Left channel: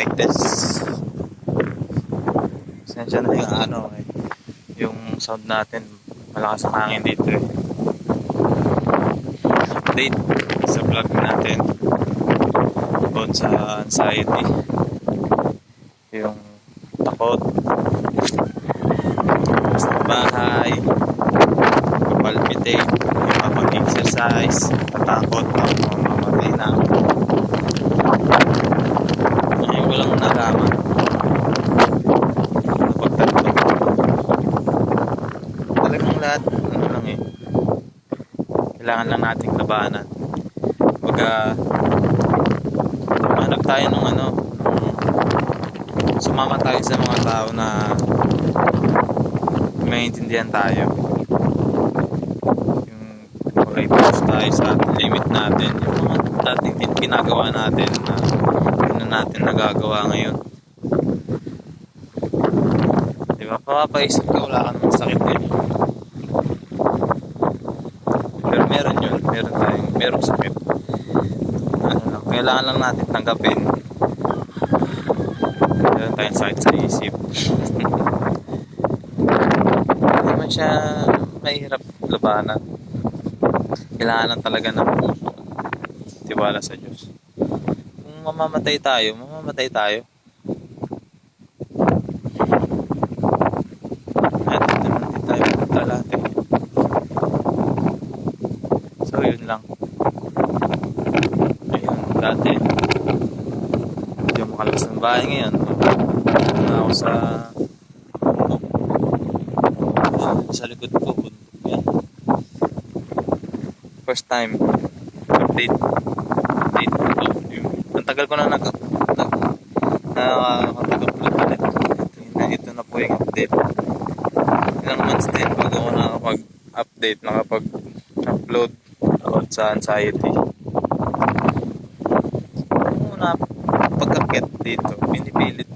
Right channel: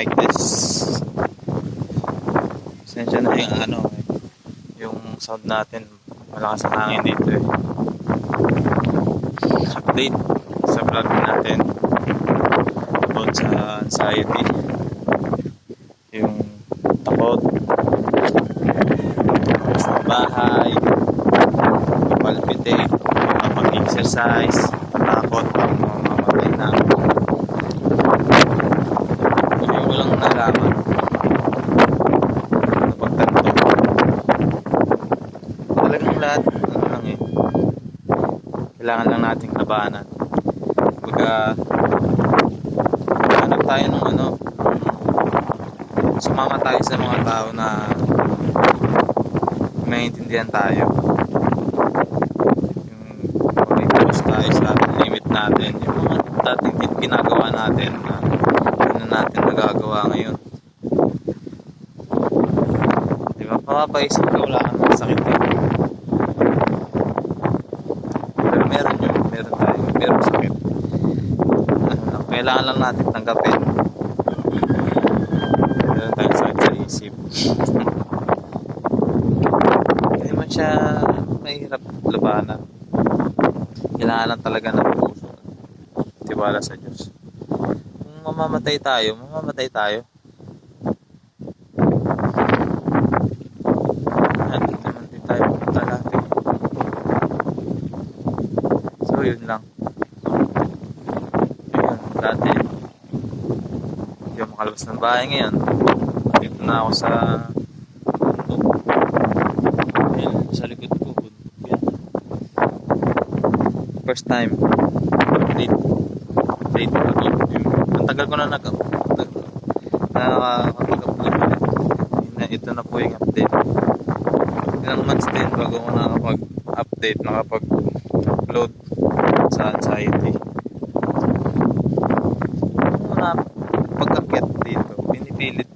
mic test. Sensya na yung yung sound natin. Malakas ang hangin dito eh. Update sa vlog natin about sa anxiety. Yung takot sa bahay, palpitate, mag-exercise, takot, mamamatay na. Ngayon ko lang nalaman pagtatlo. Talagang lahat, kailangan lang nating labanan. Hanap tayo ng sumama tayo sa mga tao na maintindihan tayo. Yung pag-focus tayo sa limit natin, yung dating ginagawa natin na natin nagagawa ngayon. Diba? Papapaisip ka, wala ka ng sakit din. Pero meron yun, meron sakit. Kailangan lang natin tanggapin. Meron tayong sakit sa isip. Hindi naman siya mahirap labanan. Kailangan lang talaga ng tiwala sa Diyos. Kung mamamatay tayo, mamamatay tayo. At hindi tayo pumunta lahat eh. So yun lang. Dati hindi ako makalabas ng bahay. Ngayon na ako sa bundok. Sa likod ko bundok yan. First time update ito. Ang tagal ko na nakapag-upload ulit. Ito na po yung update. Ilang months din bago ako nakapag-update, nakapag-upload sa anxiety. Pagkakit dito, pinipilit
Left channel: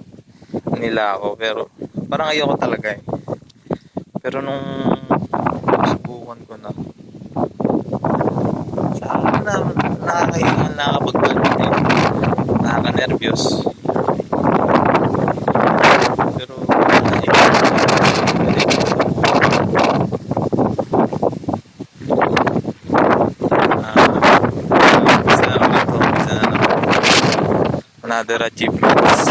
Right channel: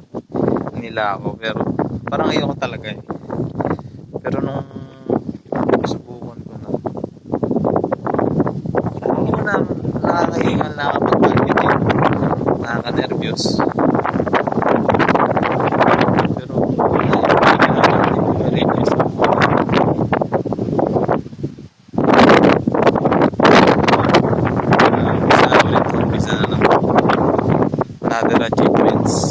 nila ako, pero parang ayoko talaga eh. Pero nung subukan ko na, sabi na nakakahingan, nakakapag-palpitate, nakaka-nervyos. Pero another achievements.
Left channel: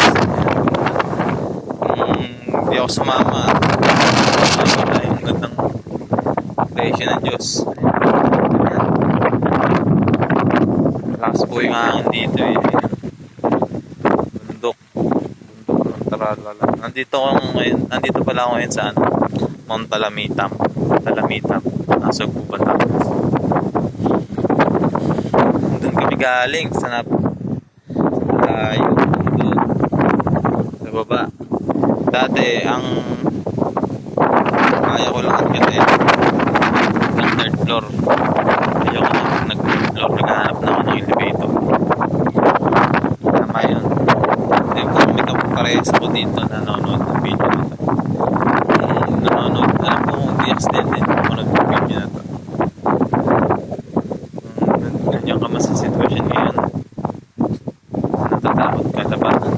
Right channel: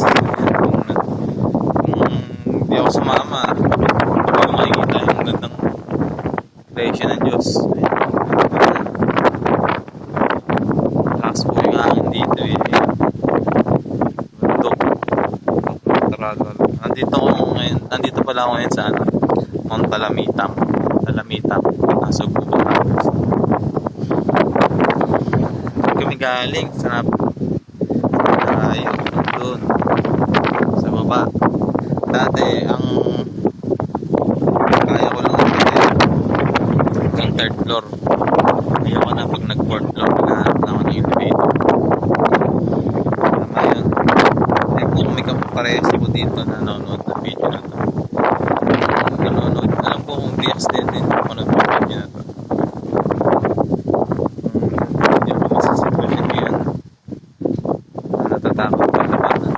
Hindi ako sumama, makikita yung gandang creation ng Diyos. Lakas po yung hangin dito eh. Bundok. Nandito pala ako ngayon sa Mount Talamitang. Nasa Batangas. Doon kami galing sa doon sa baba. Dati ang kaya ko lang umitin hanggang third floor. Kaya ko na pag nag-fourth floor, naghahanap na ako ng elevator. Tama yun. Kung may kaparehas ako dito na nanonood ng video na ito, nanonood, alam ko kung di accident din nanonood ng video na ito. Nandiyan ka mas sa sitwasyon ngayon, natatakot ka labanan.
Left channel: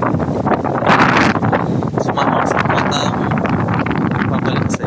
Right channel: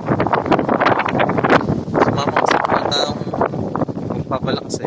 Sumama ka sa mga taong nagpapalakas